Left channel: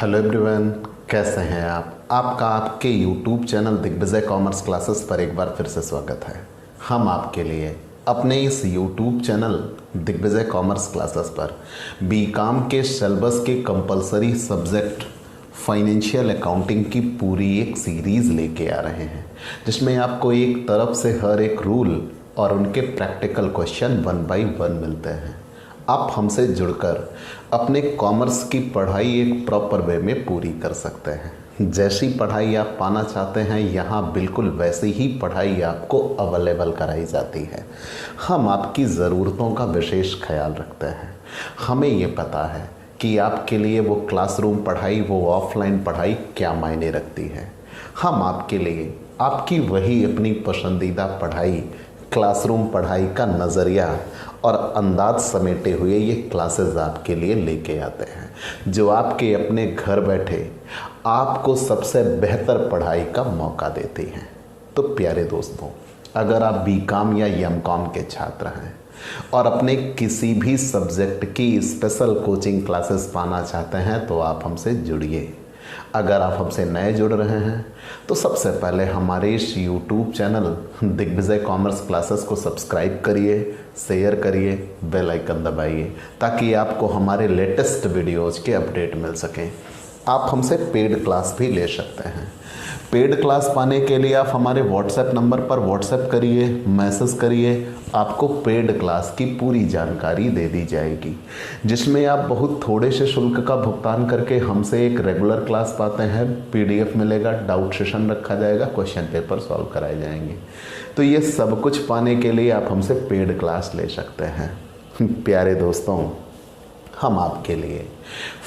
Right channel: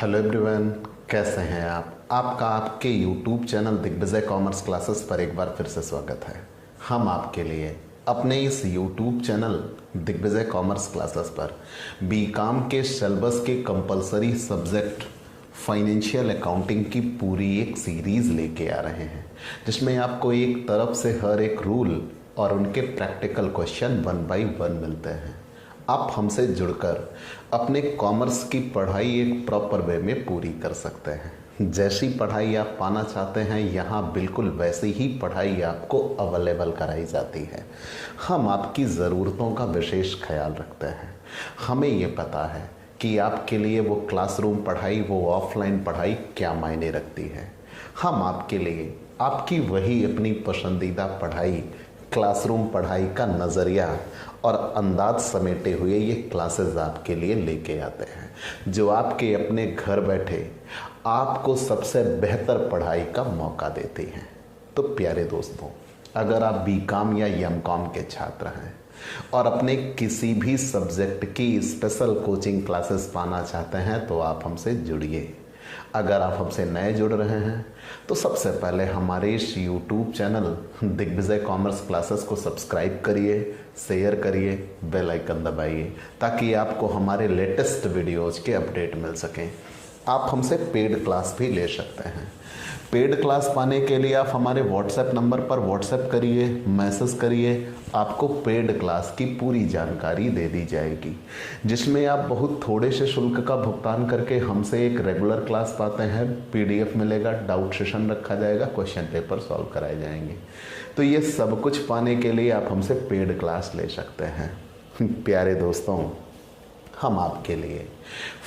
Hello everyone, कैसे हैं आप? आपका आपके YouTube channel Digvijay commerce classes पर एक बार फिर से स्वागत है। हम आपके लिए अपने इस YouTube channel Digvijay commerce classes पर बीकॉम के सिलेबस के कंपलसरी सब्जेक्ट फाइनेंशियल अकाउंटिंग की पूरी एक सीरीज़ लेके आ रहे हैं, जिसमें आपको एक तरफ से हर एक रूल और उनके प्रैक्टिकल क्वेश्चन 1 बाय 1 मिलते हैं। आप हमसे जुड़कर अपने कॉमर्स की पढ़ाई एक प्रॉपर वे में पूरी कर सकते हैं। जैसी पढ़ाई आप पाना चाहते हैं, यहाँ बिल्कुल वैसी ही पढ़ाई आपको अवेलेबल कराई जाती है। हम आपकी ज़रूरतों का विशेष ख्याल रखते हैं। हमें ये पता है कि आपके लिए वो क्लासरूम पढ़ाई, वो ऑफलाइन पढ़ाई क्या मायने रखती है। हम आपके लिए आपकी वही अपनी पसंदीदा पढ़ाई, क्लासरूम पढ़ाई का नज़रिया और अंदाज समेटे हुए ये क्लासेस आपके लिए लेके आते हैं, जो आपके अपने घर बैठे आपको सबसे बेहतर पढ़ाई का मौका देती हैं। तो प्यारे दोस्तों, अगर आप बीकॉम या एमकॉम के छात्र हैं और अपने किसी भी सब्जेक्ट की स्पेशल कोचिंग क्लासेस पाना चाहते हैं तो आप हमसे जुड़िए। अगर आप हमसे नए जुड़ रहे हैं तो सबसे पहले हमारे इस YouTube channel Digvijay commerce classes को सब्सक्राइब करिए, शेयर करिए, बेल आइकन दबाइए, ताकि आपको हमारे लेटेस्ट वीडियोज के अपडेट मिल सकें। आप हमसे पेड क्लास भी ले सकते हैं। पेड क्लास पाने के लिए आप हमारे व्हाट्सएप नंबर पर व्हाट्सएप करिए, मैसेज करिए, आपको पेड क्लास की पूरी जानकारी दे दी जाएगी, जिसमें आप बहुत थोड़े से शुल्क का भुगतान करके हमसे एक रेगुलर क्लास पाते हैं। पीडीएफ मिलेगा, डाउट सेशन रखा जाएगा, क्वेश्चन पेपर सॉल्व कराए जाएंगे। तो ये सब कुछ पाने के लिए आप हमसे पेड क्लास ले सकते हैं। प्यारे दोस्तों, हम आपके लिए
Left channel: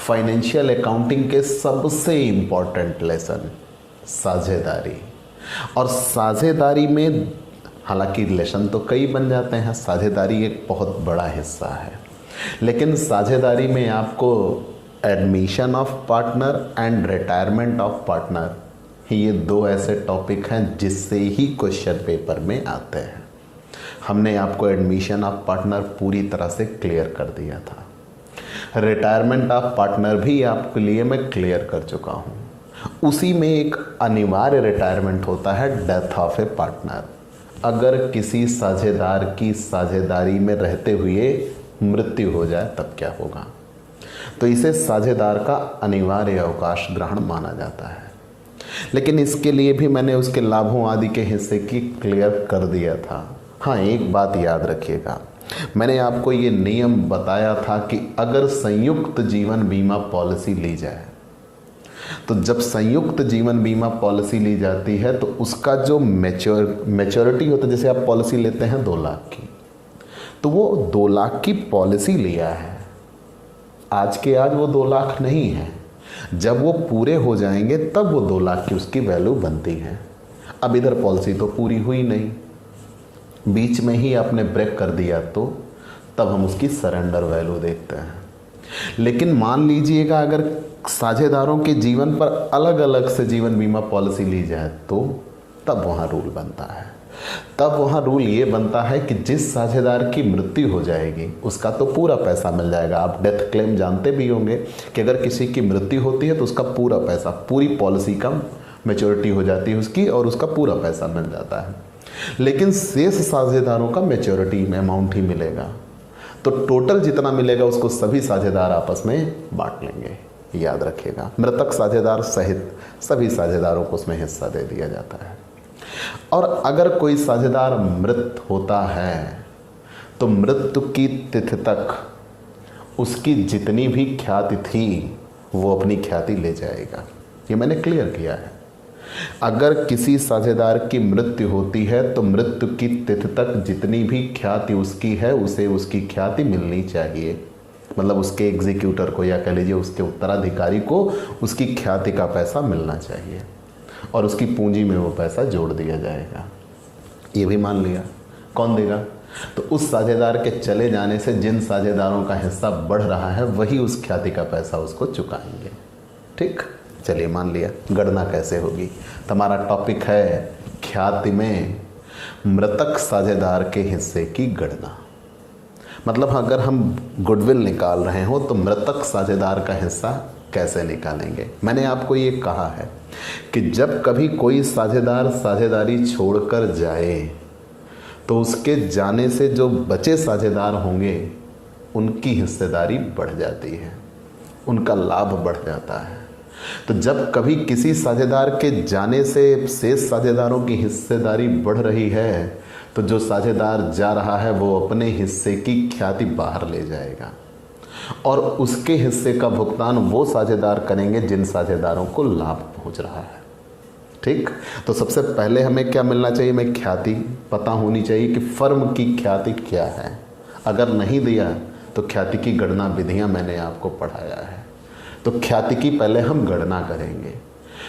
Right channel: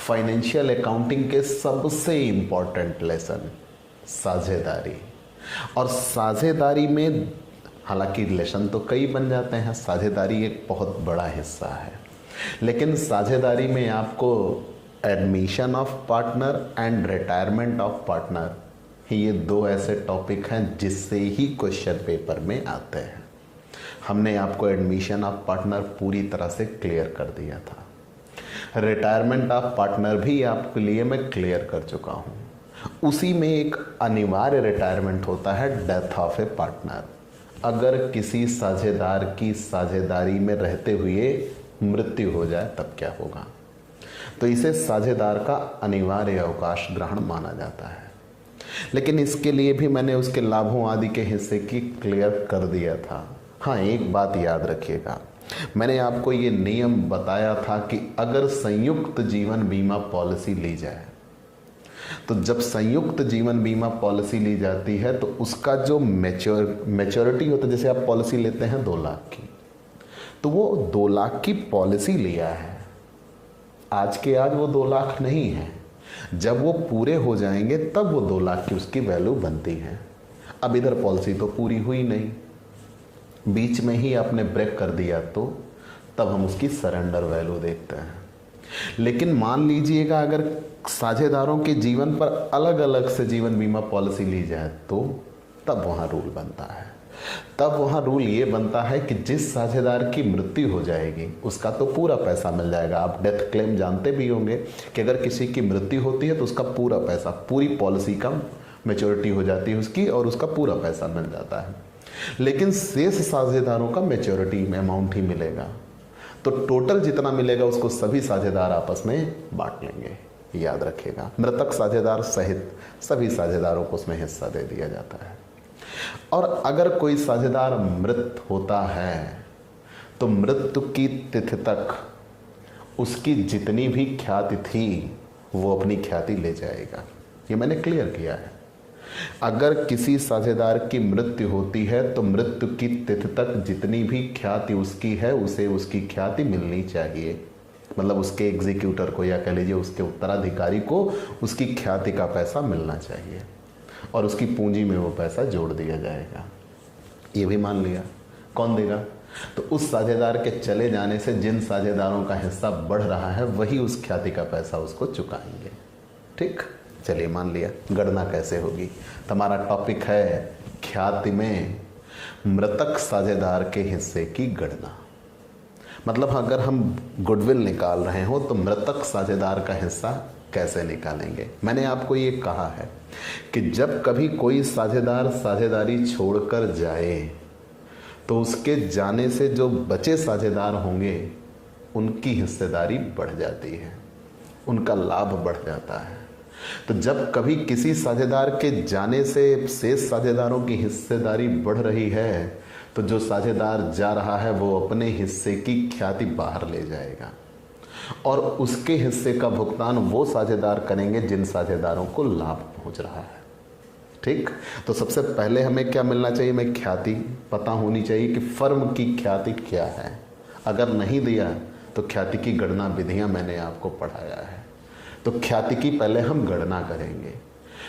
फाइनेंशियल अकाउंटिंग के सबसे इम्पोर्टेंट लेसन साझेदारी, और साझेदारी में हालांकि रिलेशन तो कई बन जाते हैं, साझेदारी एक बहुत बड़ा हिस्सा है, लेकिन साझेदारी में आपको admission of partner and retirement of partner, ये दो ऐसे टॉपिक हैं जिससे ही क्वेश्चन पेपर में आते हैं। हमने आपको एडमिशन ऑफ पार्टनर पूरी तरह से क्लियर कर दिया था। रिटायरमेंट ऑफ पार्टनर भी आपके लिए मैं क्लियर कर चुका हूँ। उसी में एक अनिवार्य रिटायरमेंट होता है डेथ ऑफ ए पार्टनर। अगर किसी साझेदार की साझेदारी में रहते हुए मृत्यु हो जाए तब क्या होगा, तो इसे साझेदार का अनिवार्य अवकाश ग्रहण माना जाता है। लेकिन इसके लिए भी मैंने उसके लाभों आदि के हिस्से की क्लियर कर दिया था। हाँ, एक बात याद रखिएगा, मैंने आपको ये नियम बताया था कि अगर संयुक्त जीवन बीमा पॉलिसी ली जाए, तो जब संयुक्त जीवन बीमा पॉलिसी ली जाती है तो उसका जो मैच्योरिटी होता है, जैसे आप पॉलिसी लेते हैं 2 लाख की, तो वो 2 लाख की पॉलिसी लिया है, आज के आज वो 2 लाख नहीं है। जब वो पूरे हो जाएंगे तब वो 2 लाख की उसकी वैल्यू बनती है। अब इधर पॉलिसी तो पूरी हुई नहीं, बीच में ही आपने ब्रेक कर दिया, तो तब हम उसकी सरेंडर वैल्यू देखते हैं। लेकिन मान लीजिएगा अगर साझेदारों के जीवन पर अलग अलग से जीवन बीमा पॉलिसी ली जाए, तो तब वहाँ रूल बनता है। तब वहाँ रूल ये बनता है कि जिस साझेदार की मृत्यु हो जाएगी उसका तो पूरा पैसा मिल जाएगा। आप डेथ क्लेम जानते भी होंगे कि अगर किसी की मृत्यु होती है तो उसका पूरा पैसा, पूरी पॉलिसी का मैच्योरिटी हो जाती है उसकी, और उसका पूरा पैसा मिल जाता है। लेकिन शेष साझेदारों का मैच्योरिटी में अमाउंट ही मिलेगा, तो टोटल जितना मिलेगा उसको सभी साझेदार आपस में बांट लेंगे। याद रखिएगा, मृतक साझेदार सहित सभी साझेदारों को उसमें हिस्सा दे दिया जाता है। और अगर कोई साझेदार मृत होता है तो मृत्यु की तिथि तक उसकी जितनी भी ख्याति थी वो अपनी ख्याति ले जाएगा। ये मैंने क्लियर किया है। अगर किसी साझेदार की मृत्यु होती है तो मृत्यु की तिथि तक जितनी भी ख्याति उसकी है उसे उसकी ख्याति मिलनी चाहिए। मतलब उसके एग्जीक्यूटर को, या कह लीजिए उसके उत्तराधिकारी को, उसकी ख्याति का पैसा मिलना चाहिए और उसकी पूंजी में वो पैसा जोड़ दिया जाएगा। ये भी मान लिया। कौन देगा? तो उस साझेदार के चले जाने से जिन साझेदारों का हिस्सा बढ़ रहा है वही उस ख्याति का पैसा उसको चुकाएंगे। ठीक, चलिए मान लिया। गणना कैसे होगी? हमारा टॉपिक है ख्याति में मृतक साझेदार के हिस्से की गणना। मतलब अगर हम गुडविल निकाल रहे हो तो मृतक साझेदार का हिस्सा कैसे निकालेंगे। मैंने आपको ये कहा है कि जब कभी कोई साझेदार साझेदारी छोड़कर जाए तो उसके जाने से जो बचे साझेदार होंगे उनकी हिस्सेदारी बढ़ जाती है, उनका लाभ बढ़ जाता है। तो जब कभी किसी साझेदार के जाने से शेष साझेदारों की हिस्सेदारी बढ़ रही है तो जो साझेदार जा रहा है वो अपने हिस्से की ख्याति बाहर ले जाएगा और उसके हिस्से का भुगतान वो साझेदार करेंगे जिन साझेदारों को लाभ पहुंच रहा है। ठीक, तो सबसे पहले हमें क्या मिलना चाहिए, हमें ख्याति पता होनी चाहिए कि फर्म की ख्याति क्या है। अगर नहीं दिया तो ख्याति की गणना विधियां मैंने आपको पढ़ाया है। तो ख्याति की पहले हम गणना करेंगे,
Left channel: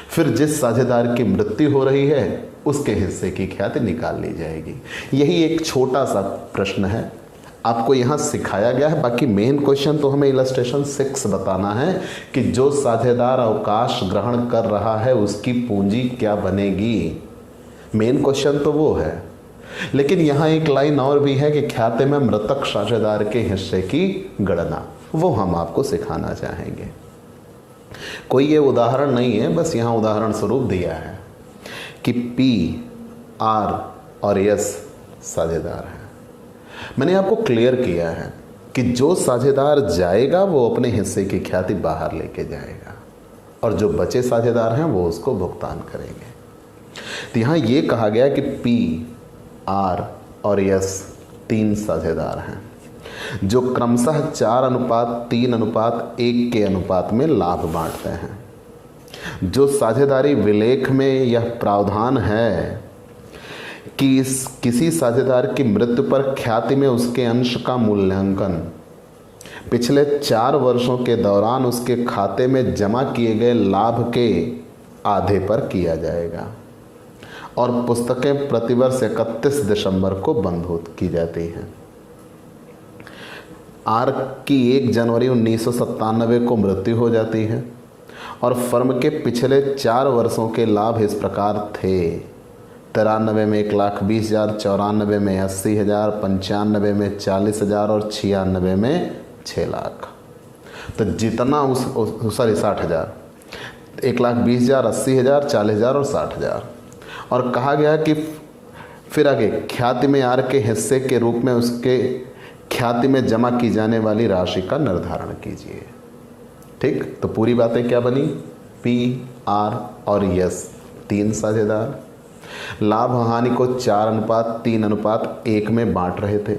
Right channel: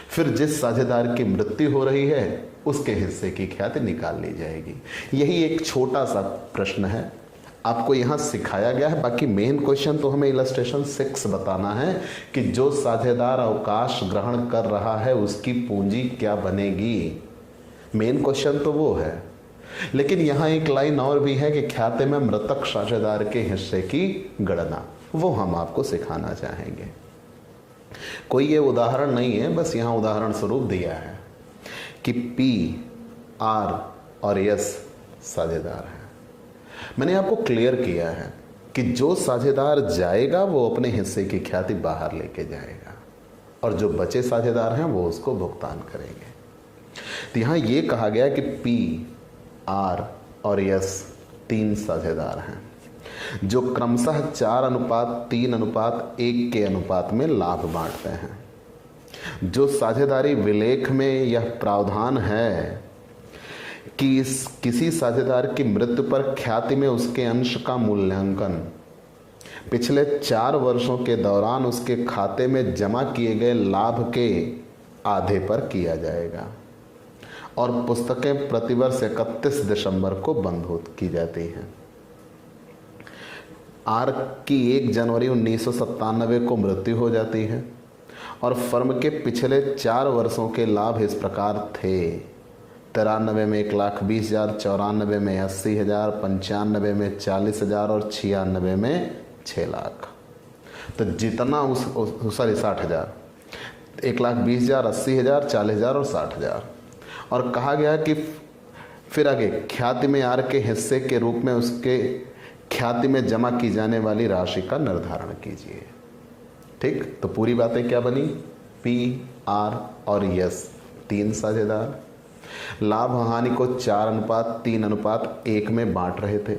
फिर जिस साझेदार की मृत्यु हो रही है उसके हिस्से की ख्याति निकाल ली जाएगी। यही एक छोटा सा प्रश्न है, आपको यहाँ सिखाया गया है। बाकी मेन क्वेश्चन तो हमें इलस्ट्रेशन 6 बताना है कि जो साझेदार अवकाश ग्रहण कर रहा है उसकी पूंजी क्या बनेगी। मेन क्वेश्चन तो वो है, लेकिन यहाँ एक लाइन और भी है कि खाते में मृतक साझेदार के हिस्से की गणना, वो हम आपको सिखाना चाहेंगे। कोई ये उदाहरण नहीं है, बस यहाँ उदाहरण स्वरूप दिया है कि पी, आर और एस साझेदार है। मैंने आपको क्लियर किया है कि जो साझेदार जाएगा वो अपने हिस्से की ख्याति बाहर लेके जाएगा और जो बचे साझेदार हैं वो उसको भुगतान करेंगे। तो यहाँ ये कहा गया कि पी, आर और एस 3 साझेदार हैं जो क्रमशः 4:3:1 के अनुपात में लाभ बांटते हैं। जो साझेदारी विलेख में यह प्रावधान है कि किसी साझेदार की मृत्यु पर ख्याति में उसके अंश का मूल्यांकन पिछले 4 वर्षों के दौरान उसके खाते में जमा किए गए लाभ के आधे पर किया जाएगा और पुस्तकें प्रतिवर्ष 31 दिसंबर को बंद की जाती हैं। आर की 1 जनवरी 1997 को मृत्यु हो जाती है और फर्म के पिछले 4 वर्षों के लाभ इस प्रकार थे: 93 में 1,20,000, 94 में 80,000, 95 में 40,000 और 96 में 6 लाख। तो जितना 60,000, 1,20,000, 80,000, 40,000 और 60,000। और कहा गया कि फिर आगे ख्याति में आर के हिस्से के रूप में उसके ख्याति में जमा की जाने वाली राशि का निर्धारण कीजिए। ठीक, तो पूरी बातें क्या बनी, पी, आर और एस 3 साझेदार लाभ हानि को 4:3:1 में बांट रहे थे।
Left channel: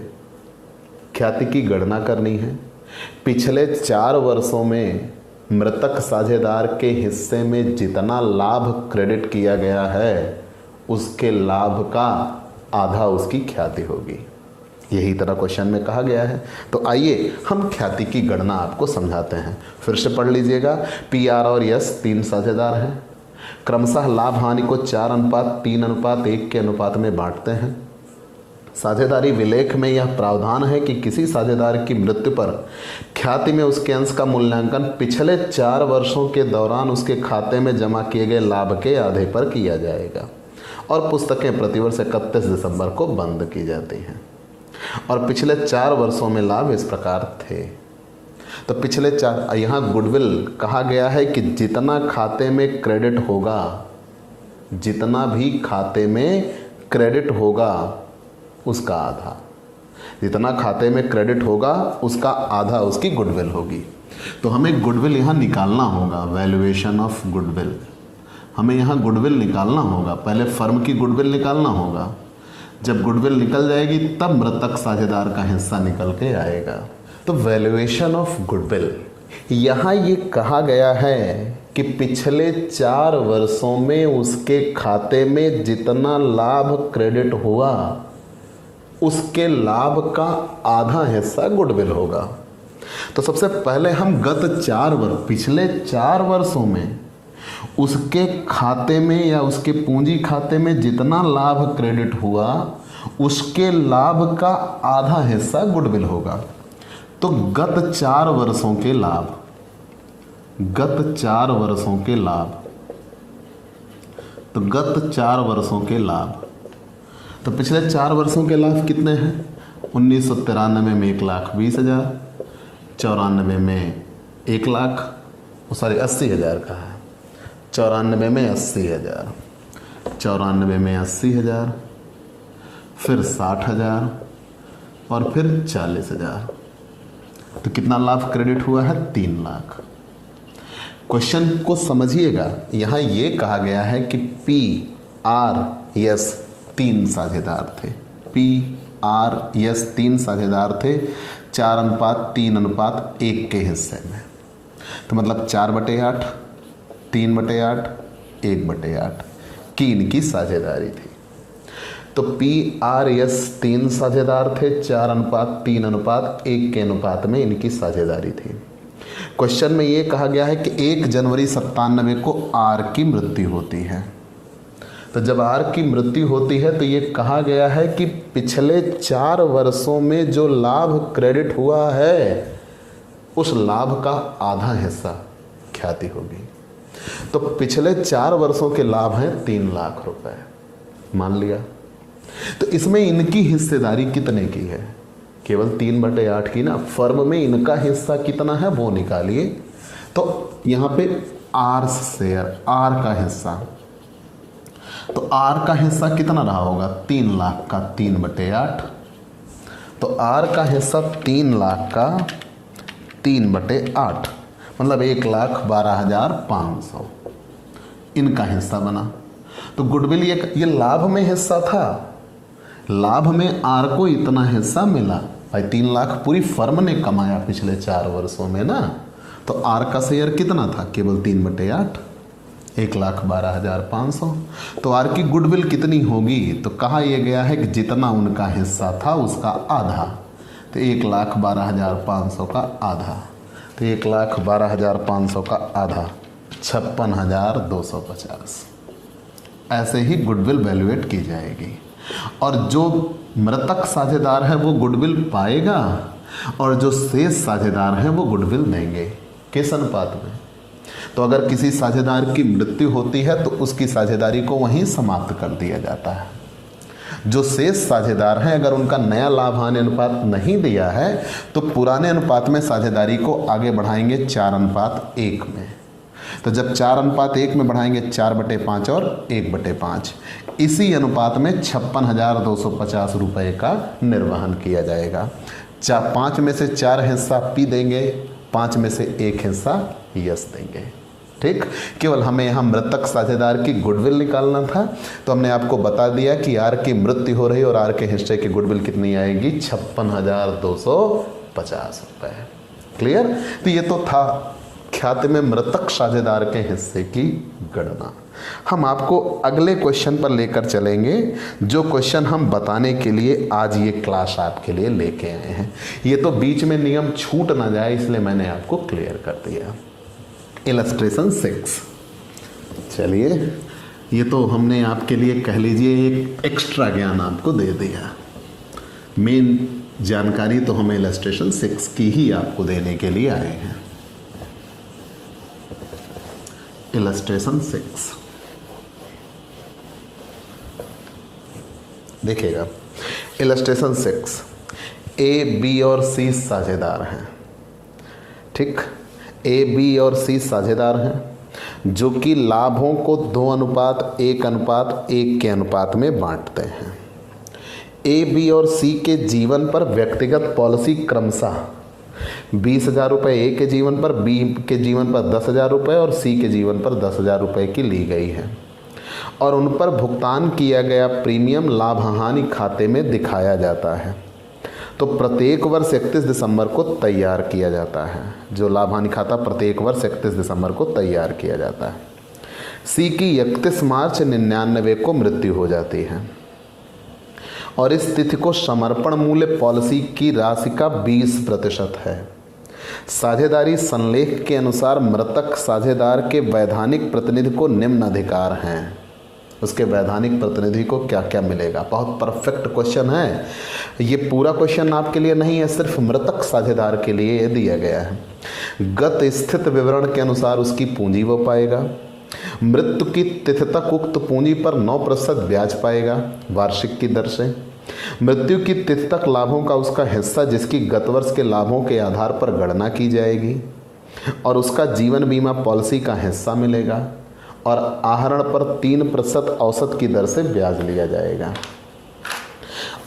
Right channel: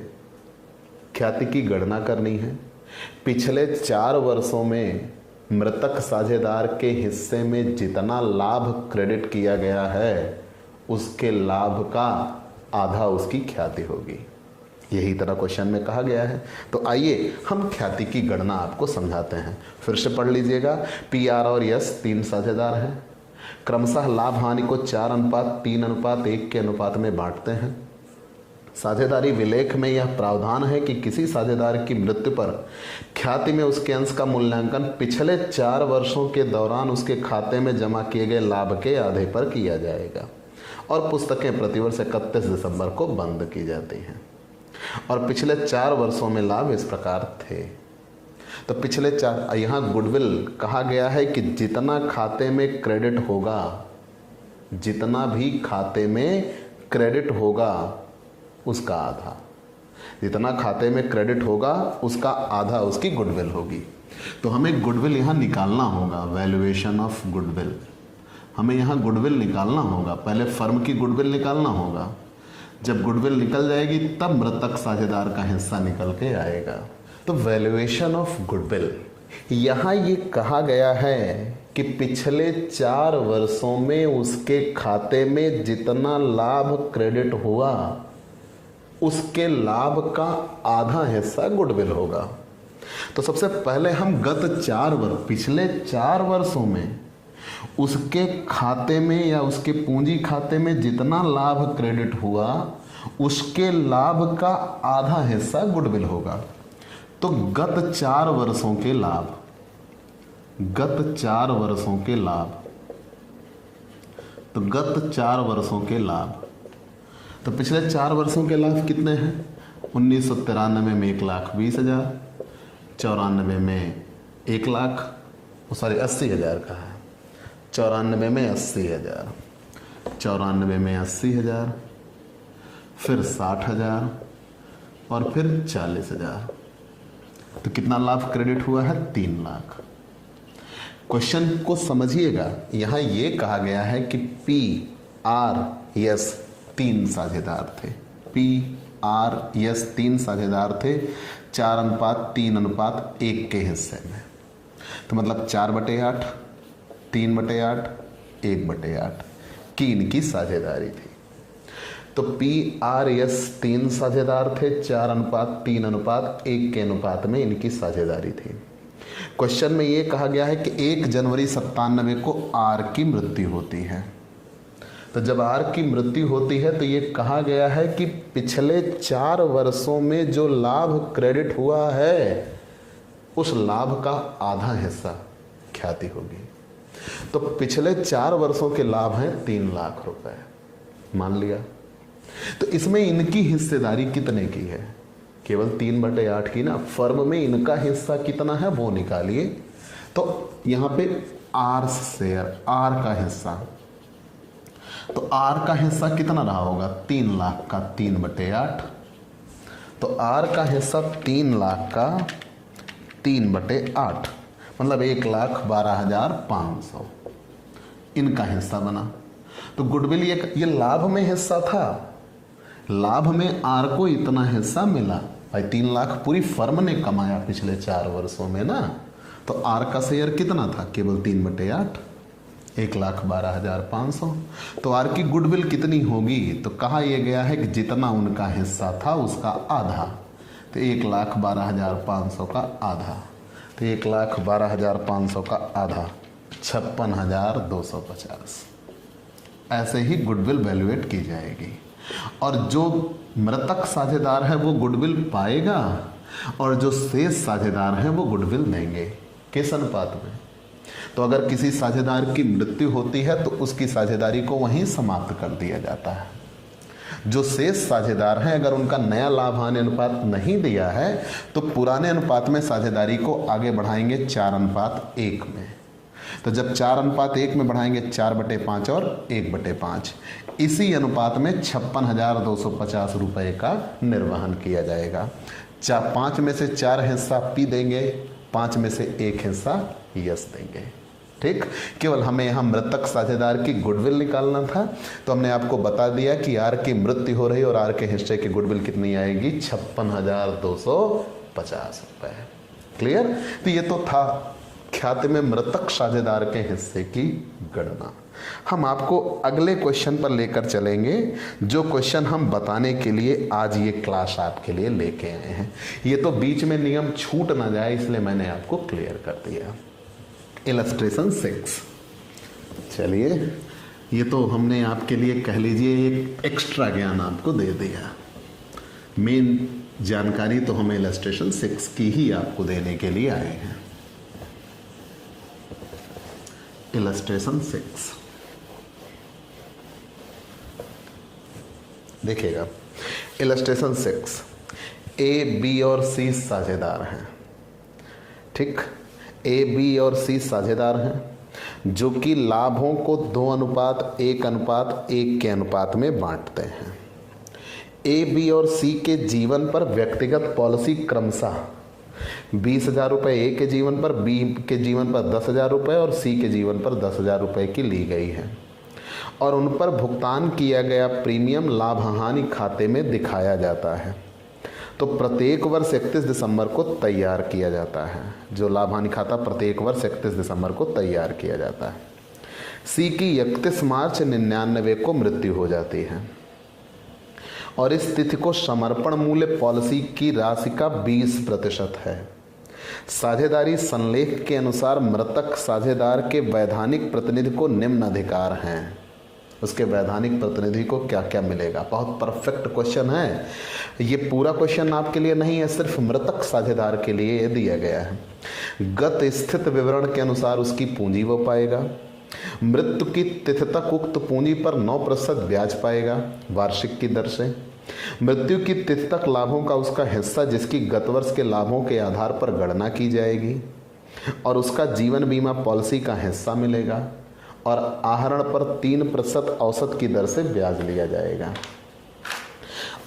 ख्याति की गणना करनी है। पिछले 4 वर्षों में मृतक साझेदार के हिस्से में जितना लाभ क्रेडिट किया गया है उसके लाभ का आधा उसकी ख्याति होगी। यही तरह क्वेश्चन में कहा गया है। तो आइए हम ख्याति की गणना आपको समझाते हैं। फिर से पढ़ लीजिएगा। पी, आर और एस 3 साझेदार हैं, क्रमशः लाभ हानि को 4:3:1 के अनुपात में बांटते हैं। साझेदारी विलेख में यह प्रावधान है कि किसी साझेदार की मृत्यु पर ख्याति में उसके अंश का मूल्यांकन पिछले 4 वर्षों के दौरान उसके खाते में जमा किए गए लाभ के आधे पर किया जाएगा और पुस्तकें प्रतिवर्ष 31 दिसंबर को बंद की जाती हैं। और पिछले 4 वर्षों में लाभ इस प्रकार थे। तो पिछले 4, यहाँ गुडविल कहा गया है कि जितना खाते में क्रेडिट होगा, जितना भी खाते में क्रेडिट होगा उसका आधा, जितना खाते में क्रेडिट होगा उसका आधा उसकी गुडविल होगी। तो हमें गुडविल यहाँ निकालना होगा, वैल्यूएशन ऑफ गुडविल। हमें यहाँ गुडविल निकालना होगा, पहले फर्म की गुडविल निकालना होगा। जब गुडविल निकल जाएगी तब मृतक साझेदार का हिस्सा निकल के आएगा। तो वैल्यूएशन ऑफ गुडविल, यहाँ ये कहा गया है कि पिछले 4 वर्षों में उसके खाते में जितना लाभ क्रेडिट हुआ उसके लाभ का आधा हिस्सा गुडविल होगा। तो सबसे पहले हम पिछले 4 वर्षों में उसके खाते में या उसके पूंजी खाते में जितना लाभ क्रेडिट हुआ उसके लाभ का आधा हिस्सा गुडविल होगा। तो गत 4 वर्षों के लाभ, तो पिछले 4 वर्षों के लाभ कितने हैं? 1993 में 1,20,000, 94 में 1 लाख सॉरी 80,000 का है, 94 में 80,000, 94 में 80,000, फिर 60,000 और फिर 40,000। तो कितना लाभ क्रेडिट हुआ है? 3 लाख। क्वेश्चन को समझिएगा, यहां यह कहा गया है कि पी आर एस 3 साझेदार थे, पी आर एस 3 साझेदार थे 4:3:1 के हिस्से में। तो मतलब 4/8, 3/8, 1/8 की इनकी साझेदारी थी। तो पी आर एस 3 साझेदार थे, 4:3:1 के अनुपात में इनकी साझेदारी थी। क्वेश्चन में यह कहा गया है कि 1 जनवरी 97 को आर की मृत्यु होती है। तो जब आर की मृत्यु होती है तो ये कहा गया है कि पिछले 4 वर्षों में जो लाभ क्रेडिट हुआ है उस लाभ का आधा हिस्सा ख्याति होगी। तो पिछले 4 वर्षों के लाभ हैं 3 लाख रुपए, मान लिया। तो इसमें इनकी हिस्सेदारी कितने की है? केवल 3/8 की ना। फर्म में इनका हिस्सा कितना है वो निकालिए। तो यहां पे आर शेयर, आर का हिस्सा, तो आर का हिस्सा कितना रहा होगा? 3 लाख का 3/8। तो आर का हिस्सा 3 लाख का 3/8 मतलब 1,12,500 इनका हिस्सा बना। तो गुडविल ये लाभ में हिस्सा था, लाभ में आर को इतना हिस्सा मिला। भाई 3 लाख पूरी फर्म ने कमाया पिछले 4 वर्षों में ना। तो आर का शेयर कितना था? केवल 3/8, 1,12,500। तो आर की गुडविल कितनी होगी? तो कहा यह गया है कि जितना उनका हिस्सा था उसका आधा। तो 1,12,500 का आधा, तो 1,12,500 का आधा 56,250। ऐसे ही गुडविल वैल्यूएट की जाएगी और जो मृतक साझेदार है वो गुडविल पाएगा और जो शेष साझेदार हैं वो गुडविल देंगे। किस अनुपात में? तो अगर किसी साझेदार की मृत्यु होती है तो उसकी साझेदारी को वहीं समाप्त कर दिया जाता है। जो शेष साझेदार हैं अगर उनका नया लाभ हानि अनुपात नहीं दिया है तो पुराने अनुपात में साझेदारी को आगे बढ़ाएंगे 4:1 में। तो जब 4:1 में बढ़ाएंगे 4/5 और 1/5, इसी अनुपात में 56,250 रुपए का निर्वहन किया जाएगा। 5 में से 4 हिस्सा पी देंगे, 5 में से 1 हिस्सा यस देंगे। ठीक, केवल हमें यहाँ मृतक साझेदार की गुडविल निकालना था। तो हमने आपको बता दिया कि आर की मृत्यु हो रही और आर के हिस्से की गुडविल कितनी आएगी? 56,250 रुपए। क्लियर? तो ये तो था ख्याति में मृतक साझेदार के हिस्से की गणना। हम आपको अगले क्वेश्चन पर लेकर चलेंगे, जो क्वेश्चन हम बताने के लिए आज ये क्लास आपके लिए लेके आए हैं। ये तो बीच में नियम छूट ना जाए इसलिए मैंने आपको क्लियर कर दिया। इलस्ट्रेशन 6। चलिए, ये तो हमने आपके लिए कह लीजिए एक एक्स्ट्रा ज्ञान आपको दे दिया। मेन जानकारी तो हम इलस्ट्रेशन 6 की ही आपको देने के लिए आए हैं। इलस्ट्रेशन 6 देखिएगा। इलस्ट्रेशन 6, ए, बी और सी साझेदार हैं। ठीक, ए, बी और सी साझेदार हैं जो कि लाभों को 2:1:1 के अनुपात में बांटते हैं। ए, बी और सी के जीवन पर व्यक्तिगत पॉलिसी क्रमशः 20,000 रुपये ए के जीवन पर, बी के जीवन पर 10,000 रुपये और सी के जीवन पर 10,000 रुपये की ली गई है और उन पर भुगतान किया गया प्रीमियम लाभ हानि खाते में दिखाया जाता है। तो प्रत्येक वर्ष 31 दिसंबर को तैयार किया जाता है। जो लाभ हानि खाता प्रत्येक वर्ष 31 दिसंबर को तैयार किया जाता है। सी की 31 मार्च 99 को मृत्यु हो जाती है और इस तिथि को समर्पण मूल्य पॉलिसी की राशि का 20% है। साझेदारी संलेख के अनुसार मृतक साझेदार के वैधानिक प्रतिनिधि को निम्न अधिकार हैं। उसके वैधानिक प्रतिनिधि को क्या क्या मिलेगा? बहुत परफेक्ट क्वेश्चन है। ये पूरा क्वेश्चन आपके लिए नहीं है, सिर्फ मृतक साझेदार के लिए ये दिया गया है। गत स्थित विवरण के अनुसार उसकी पूंजी वो पाएगा। मृत्यु की तिथि तक उक्त पूंजी पर 9% ब्याज पाएगा वार्षिक की दर से। मृत्यु की तिथि तक लाभों का उसका हिस्सा जिसकी गत वर्ष के लाभों के आधार पर गणना की जाएगी। और उसका जीवन बीमा पॉलिसी का हिस्सा मिलेगा और आहरण पर 3% औसत की दर से ब्याज लिया जाएगा।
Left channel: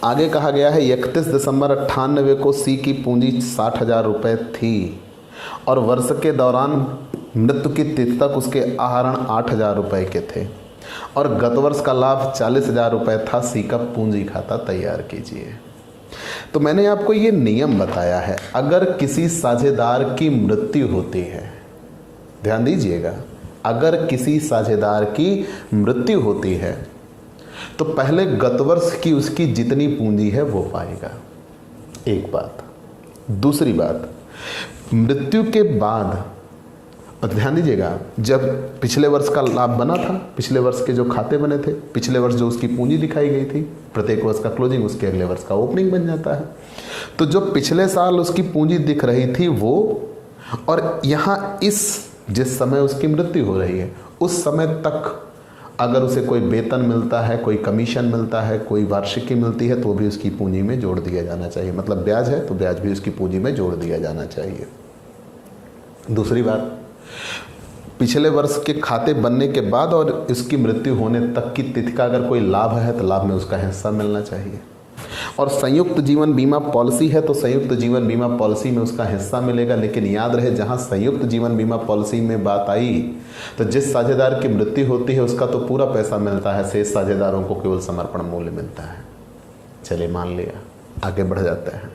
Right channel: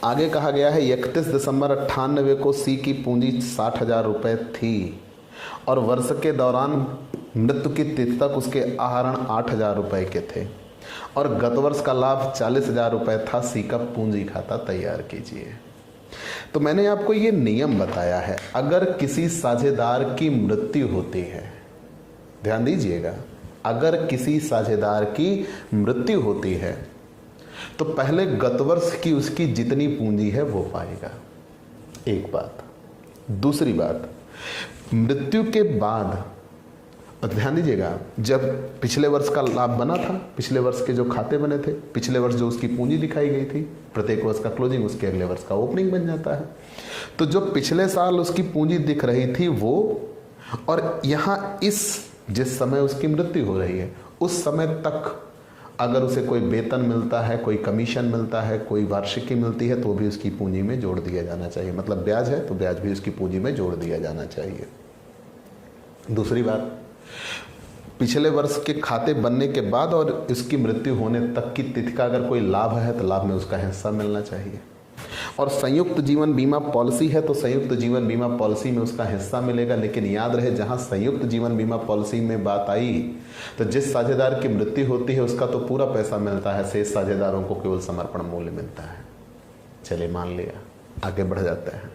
आगे कहा गया है 31 दिसंबर 98 को सी की पूंजी 60,000 रुपये थी और वर्ष के दौरान मृत्यु की तिथि तक उसके आहरण 8,000 रुपये के थे और गत वर्ष का लाभ 40,000 रुपये था। सी का पूंजी खाता तैयार कीजिए। तो मैंने आपको ये नियम बताया है, अगर किसी साझेदार की मृत्यु होती है, ध्यान दीजिएगा, अगर किसी साझेदार की मृत्यु होती है तो पहले गत वर्ष की उसकी जितनी पूंजी है वो पाएगा, एक बात। दूसरी बात, मृत्यु के बाद ध्यान दीजिएगा, जब पिछले वर्ष का लाभ बना था, पिछले वर्ष के जो खाते बने थे, पिछले वर्ष जो उसकी पूंजी दिखाई गई थी, प्रत्येक वर्ष का क्लोजिंग उसके अगले वर्ष का ओपनिंग बन जाता है। तो जो पिछले साल उसकी पूंजी दिख रही थी वो, और यहाँ इस जिस समय उसकी मृत्यु हो रही है उस समय तक अगर उसे कोई वेतन मिलता है, कोई कमीशन मिलता है, कोई वार्षिकी मिलती है तो भी उसकी पूंजी में जोड़ दिया जाना चाहिए। मतलब ब्याज है तो ब्याज भी उसकी पूंजी में जोड़ दिया जाना चाहिए। दूसरी बात, पिछले वर्ष के खाते बनने के बाद और उसकी मृत्यु होने तक की तिथि का अगर कोई लाभ है तो लाभ में उसका हिस्सा मिलना चाहिए। और संयुक्त जीवन बीमा पॉलिसी है तो संयुक्त जीवन बीमा पॉलिसी में उसका हिस्सा मिलेगा। लेकिन याद रहे, जहां संयुक्त जीवन बीमा पॉलिसी में बात आई तो जिस साझेदार की मृत्यु होती है उसका तो पूरा पैसा मिलता है, शेष साझेदारों को केवल समर्पण मूल्य मिलता है। चलिए मान लिया, आगे बढ़ जाते हैं।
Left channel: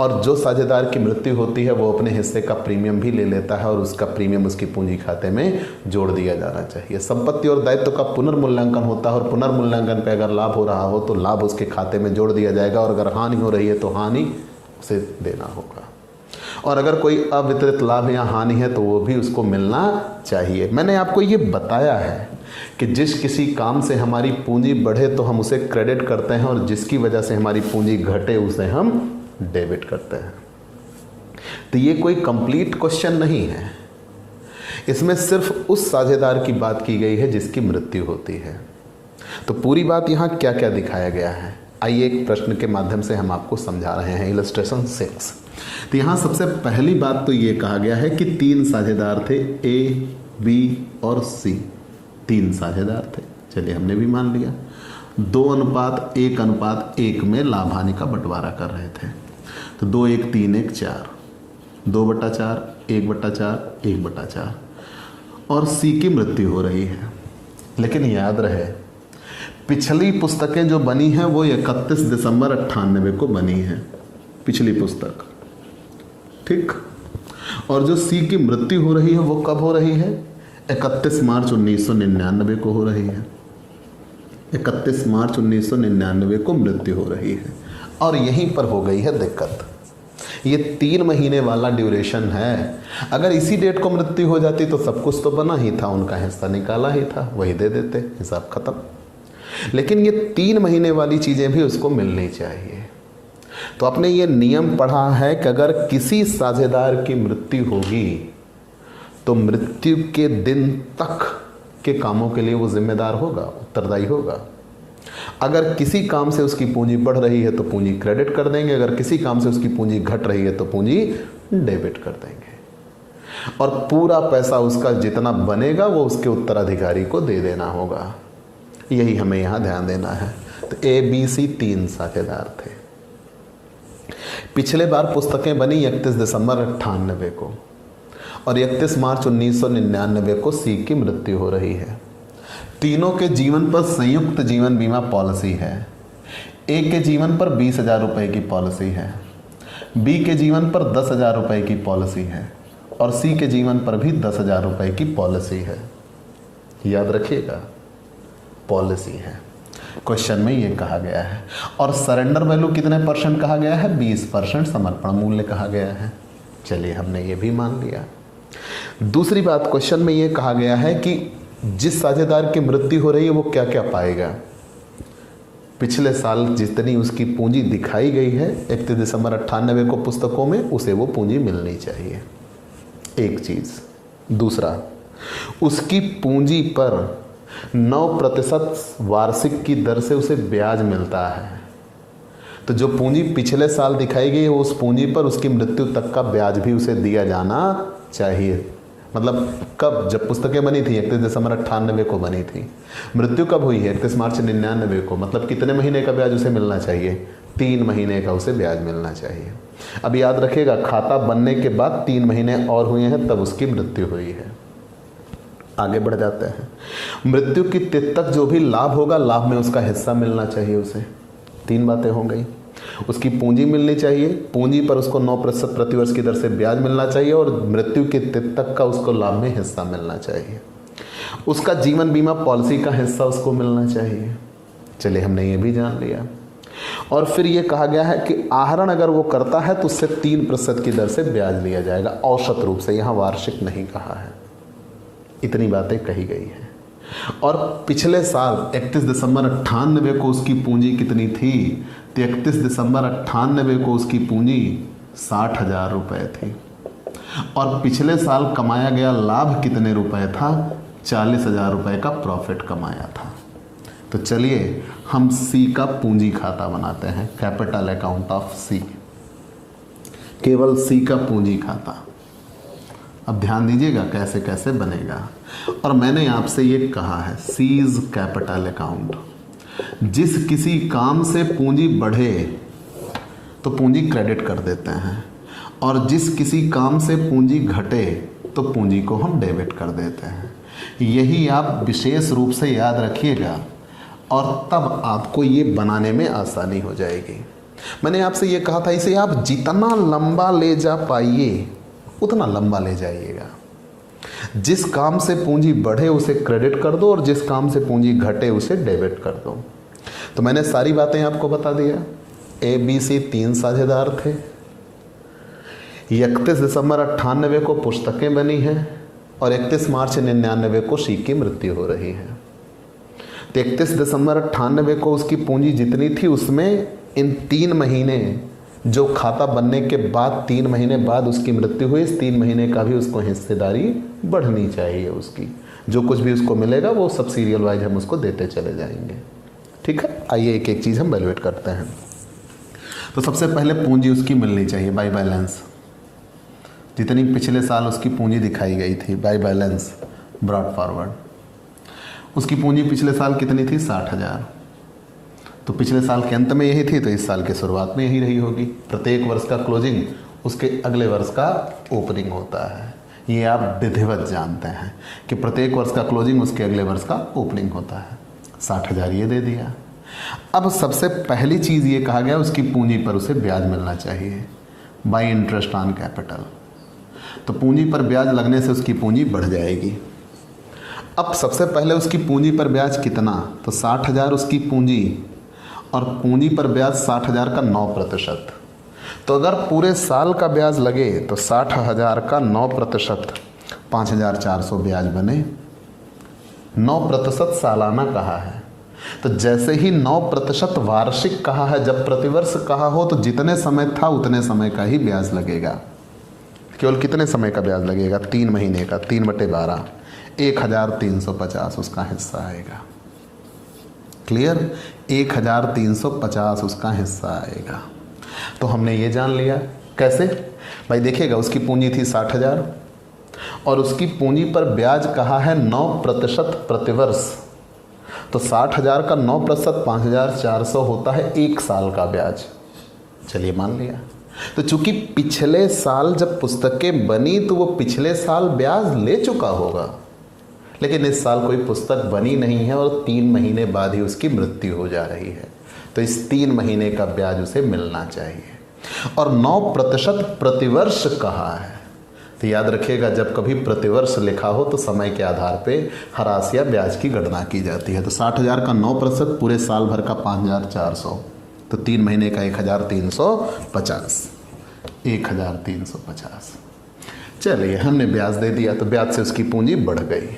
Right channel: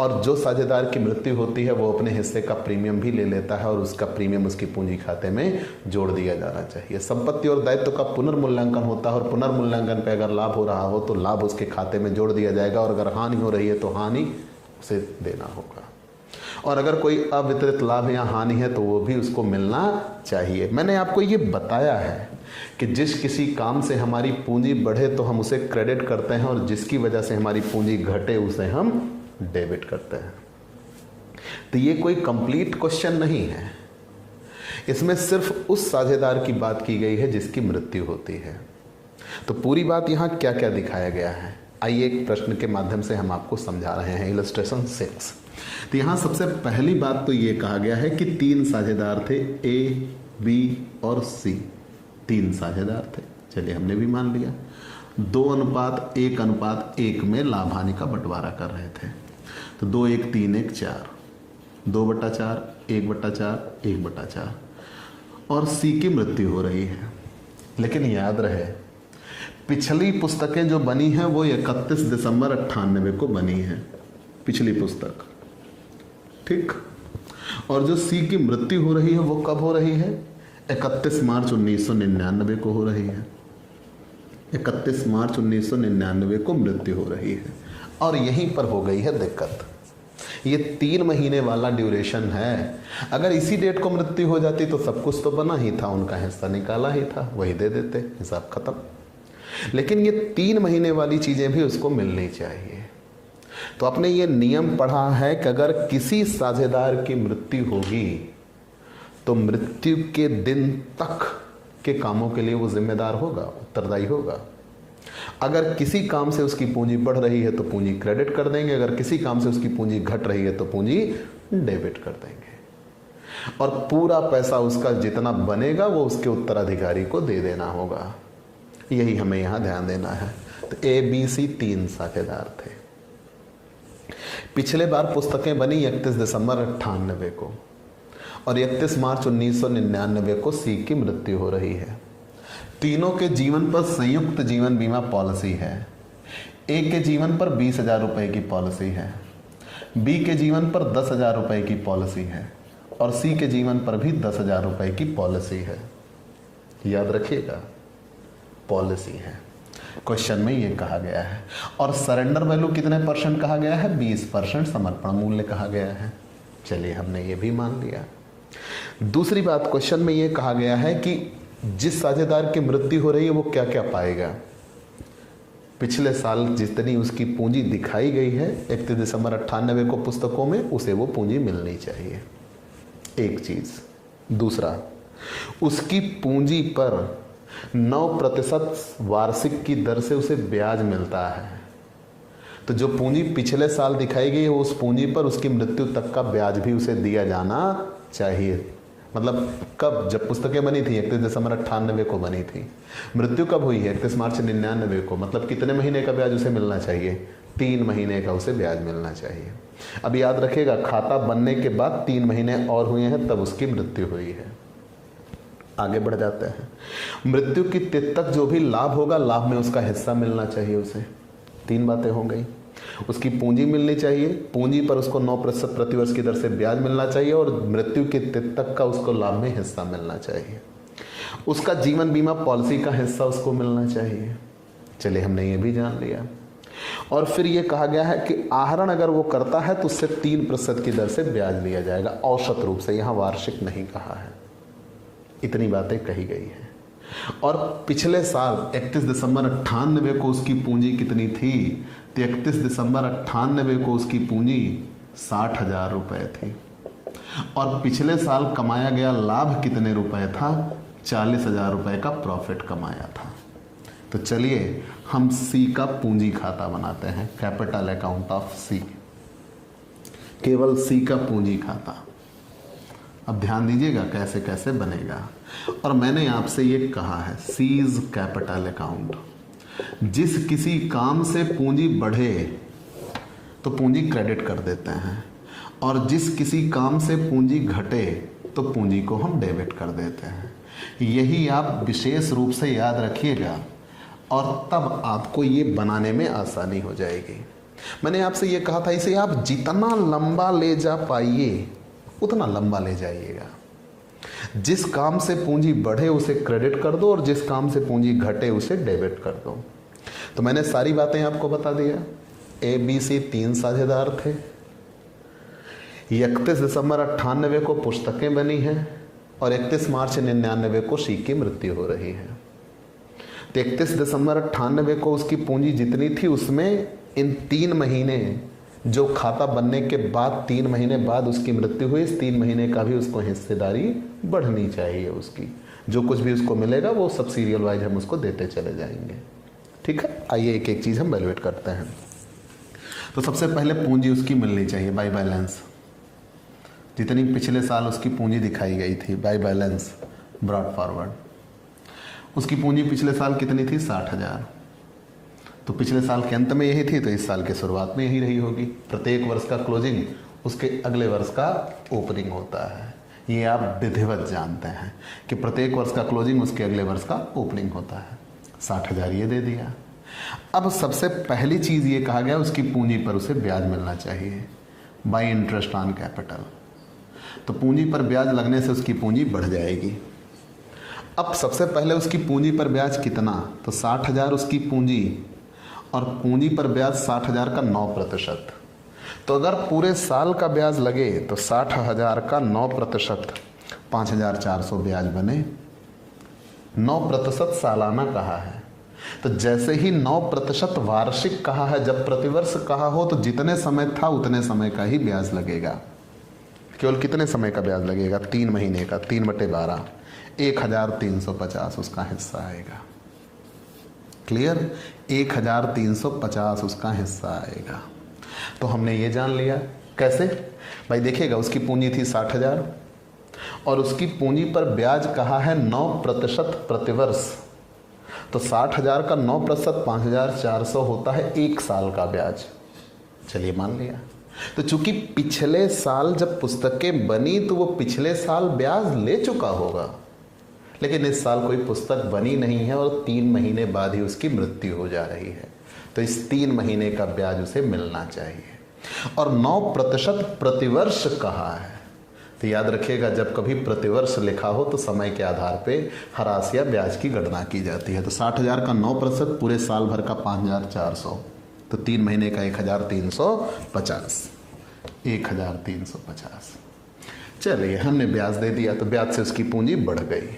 और जो साझेदार की मृत्यु होती है वो अपने हिस्से का प्रीमियम भी ले लेता है और उसका प्रीमियम उसकी पूंजी खाते में जोड़ दिया जाना चाहिए। संपत्ति और दायित्व का पुनर्मूल्यांकन होता है और पुनर्मूल्यांकन पे अगर लाभ हो रहा हो तो लाभ उसके खाते में जोड़ दिया जाएगा और अगर हानि हो रही है तो हानि उसे देना होगा। और अगर कोई अवितरित लाभ या हानि है तो वो भी उसको मिलना चाहिए। मैंने आपको ये बताया है कि जिस किसी काम से हमारी पूंजी बढ़े तो हम उसे क्रेडिट करते हैं और जिसकी वजह से हमारी पूंजी घटे उसे हम डेबिट करते हैं। तो ये कोई कंप्लीट क्वेश्चन नहीं है, इसमें सिर्फ उस साझेदार की बात की गई है जिसकी मृत्यु होती है। तो पूरी बात यहाँ क्या क्या दिखाया गया है, आइए एक प्रश्न के माध्यम से हम आपको समझा रहे हैं। इलस्ट्रेशन 6। तो यहाँ सबसे पहली बात तो ये कहा गया है कि 3 साझेदार थे, ए, बी और सी। 3 साझेदार थे, चलिए हमने भी मान लिया। 2:1:1 में लाभ हानि का बंटवारा कर रहे थे। तो 2:1:3:1:4, 2/4, 1/4, 1/4 और सी की मृत्यु हो रही है। लेकिन याद रहे, पिछली पुस्तकें जो बनी हैं वो 31 दिसंबर 98 को बनी है, पिछली पुस्तक, ठीक। और जो सी की मृत्यु हो रही है वो कब हो रही है? 31 मार्च 1999 को हो रही है। 31 मार्च 1999 को मृत्यु हो रही है और यहीं पर हो गई है दिक्कत। ये 3 महीने वाला ड्यूरेशन है। अगर इसी डेट को मृत्यु हो जाती तो सब कुछ तो बना ही था, उनका हिस्सा निकाला ही था, वही दे देते, हिसाब खत्म। लेकिन ये 3 महीने वाली चीजें भी उसको मिलनी चाहिए। तो आपने ये नियम पढ़ा है कि अगर किसी साझेदार की मृत्यु होगी तो मृत्यु के दिन तक के कामों के लिए वो जिम्मेदार होगा, उत्तरदायी होगा। अगर किसी काम से उसकी पूंजी बढ़ रही है तो पूंजी क्रेडिट कर देंगे, अगर किसी काम से उसकी पूंजी घट रही है तो पूंजी डेबिट कर देंगे और पूरा पैसा उसका जितना बनेगा वो उसके उत्तराधिकारी को दे देना होगा। यही हमें यहां ध्यान देना है। तो ए, बी, सी 3 साझेदार थे। पिछले बार पुस्तकें बनी 31 दिसंबर 98 को और 31 मार्च 1999 को सी की मृत्यु हो रही है। तीनों के जीवन पर संयुक्त जीवन बीमा पॉलिसी है। ए के जीवन पर 20,000 रुपए की पॉलिसी है, बी के जीवन पर 10,000 रुपए की पॉलिसी है और सी के जीवन पर भी 10,000 रुपए की पॉलिसी है। याद रखिएगा, पॉलिसी है, क्वेश्चन में ये कहा गया है। और सरेंडर वैल्यू कितने % कहा गया है? 20% समर्पण मूल्य कहा गया है। चलिए हमने ये भी मान लिया। दूसरी बात, क्वेश्चन में ये कहा गया है कि जिस साझेदार की मृत्यु हो रही है वो क्या क्या पाएगा। पिछले साल जितनी उसकी पूंजी दिखाई गई है 31 दिसंबर 98 को पुस्तकों में, उसे वो पूंजी मिलनी चाहिए, एक चीज। दूसरा, उसकी पूंजी पर 9% वार्षिक की दर से उसे ब्याज मिलता है। तो जो पूंजी पिछले साल दिखाई गई उस पूंजी पर उसकी मृत्यु तक का ब्याज भी उसे दिया जाना चाहिए। मतलब कब, जब पुस्तकें बनी थी 31 दिसंबर 98 को बनी थी, मृत्यु कब हुई है 31 मार्च 99 को, मतलब कितने महीने का ब्याज उसे मिलना चाहिए? 3 महीने का उसे ब्याज मिलना चाहिए। अब याद रखिएगा, खाता बनने के बाद 3 महीने और हुए हैं तब उसकी मृत्यु हुई है। आगे बढ़ जाते हैं। मृत्यु की तिथि तक जो भी लाभ होगा, लाभ में उसका हिस्सा मिलना चाहिए उसे। 3 बातें हो गई। उसकी पूंजी मिलनी चाहिए, पूंजी पर उसको 9% प्रतिवर्ष की दर से ब्याज मिलना चाहिए, और मृत्यु की तिथि तक का उसको लाभ में हिस्सा मिलना चाहिए। उसका जीवन बीमा पॉलिसी का हिस्सा उसको मिलना चाहिए। चलिए, हमने ये भी जान लिया। और फिर ये कहा गया है कि आहरण अगर वो करता है तो उससे 3% की दर से ब्याज लिया जाएगा, औसत रूप से, यहां वार्षिक नहीं कहा है। इतनी बातें कही गई हैं। और पिछले साल 31 दिसंबर 98 को उसकी पूंजी कितनी थी? तो 31 दिसंबर 98 को उसकी पूंजी 60,000 रुपए थी, और पिछले साल कमाया गया लाभ कितने रुपए था? 40,000 रुपए का प्रॉफिट कमाया था। तो चलिए हम सी का पूंजी खाता बनाते हैं, कैपिटल अकाउंट ऑफ सी, केवल सी का पूंजी खाता। अब ध्यान दीजिएगा कैसे कैसे बनेगा। और मैंने आपसे ये कहा है, सीज कैपिटल अकाउंट, जिस किसी काम से पूंजी बढ़े तो पूंजी क्रेडिट कर देते हैं, और जिस किसी काम से पूंजी घटे तो पूंजी को हम डेबिट कर देते हैं। यही आप विशेष रूप से याद रखिएगा, और तब आपको ये बनाने में आसानी हो जाएगी। मैंने आपसे ये कहा था, इसे आप जितना लंबा ले जा पाइए उतना लंबा ले जाइएगा। जिस काम से पूंजी बढ़े उसे क्रेडिट कर दो, और जिस काम से पूंजी घटे उसे डेबिट कर दो। तो मैंने सारी बातें आपको बता दिया। ABC 3 साझेदार थे। 31 दिसंबर 98 को पुस्तकें बनी हैं, और 31 मार्च 99 को शी की मृत्यु हो रही है। तो 31 दिसंबर 98 को उसकी पूंजी जितनी थी, उसमें इन 3 महीने जो खाता बनने के बाद 3 महीने बाद उसकी मृत्यु हुई, इस 3 महीने का भी उसको हिस्सेदारी बढ़नी चाहिए उसकी। जो कुछ भी उसको मिलेगा वो सब सीरियल वाइज हम उसको देते चले जाएंगे। ठीक है, आइए एक एक चीज़ हम वैल्यूएट करते हैं। तो सबसे पहले पूंजी उसकी मिलनी चाहिए बाय बैलेंस, जितनी पिछले साल उसकी पूंजी दिखाई गई थी बाय बैलेंस ब्रॉट फॉरवर्ड। उसकी पूंजी पिछले साल कितनी थी? 60,000। तो पिछले साल के अंत में यही थी, तो इस साल के शुरुआत में यही रही होगी। प्रत्येक वर्ष का क्लोजिंग उसके अगले वर्ष का ओपनिंग होता है। ये आप विधिवत जानते हैं कि प्रत्येक वर्ष का क्लोजिंग उसके अगले वर्ष का ओपनिंग होता है। 60,000 ये दे दिया। अब सबसे पहली चीज़ ये कहा गया, उसकी पूंजी पर उसे ब्याज मिलना चाहिए बाय इंटरेस्ट ऑन कैपिटल। तो पूंजी पर ब्याज लगने से उसकी पूंजी बढ़ जाएगी। अब सबसे पहले उसकी पूंजी पर ब्याज कितना? तो 60,000 उसकी पूंजी, और पूंजी पर ब्याज 60,000 का 9%। तो अगर पूरे साल का ब्याज लगे तो 60,000 का 9% 5,400 ब्याज बने। 9% सालाना कहा है, तो जैसे ही 9% वार्षिक कहा है, जब प्रतिवर्ष कहा हो तो जितने समय था उतने समय का ही ब्याज लगेगा। केवल कितने समय का ब्याज लगेगा? 3 महीने का। 3/12 1,350 उसका हिस्सा आएगा। क्लियर? 1,350 उसका हिस्सा आएगा। तो हमने ये जान लिया। कैसे भाई? देखिएगा, उसकी पूंजी थी 60,000, और उसकी पूंजी पर ब्याज कहा है 9% प्रतिवर्ष। तो 60,000 का 9% 5,400 होता है 1 साल का ब्याज। चलिए मान लिया। तो चूंकि पिछले साल जब पुस्तकें बनी तो वो पिछले साल ब्याज ले चुका होगा, लेकिन इस साल कोई पुस्तक बनी नहीं है और 3 महीने बाद ही उसकी मृत्यु हो जा रही है, तो इस 3 महीने का ब्याज उसे मिलना चाहिए। और 9% प्रतिवर्ष कहा है, तो याद रखिएगा जब कभी प्रतिवर्ष लिखा हो तो समय के आधार पे हरास या ब्याज की गणना की जाती है। तो 60,000 का 9% पूरे साल भर का 5,400, तो 3 महीने का 1,350। 1,350। चलिए हमने ब्याज दे दिया, तो ब्याज से उसकी पूंजी बढ़ गई।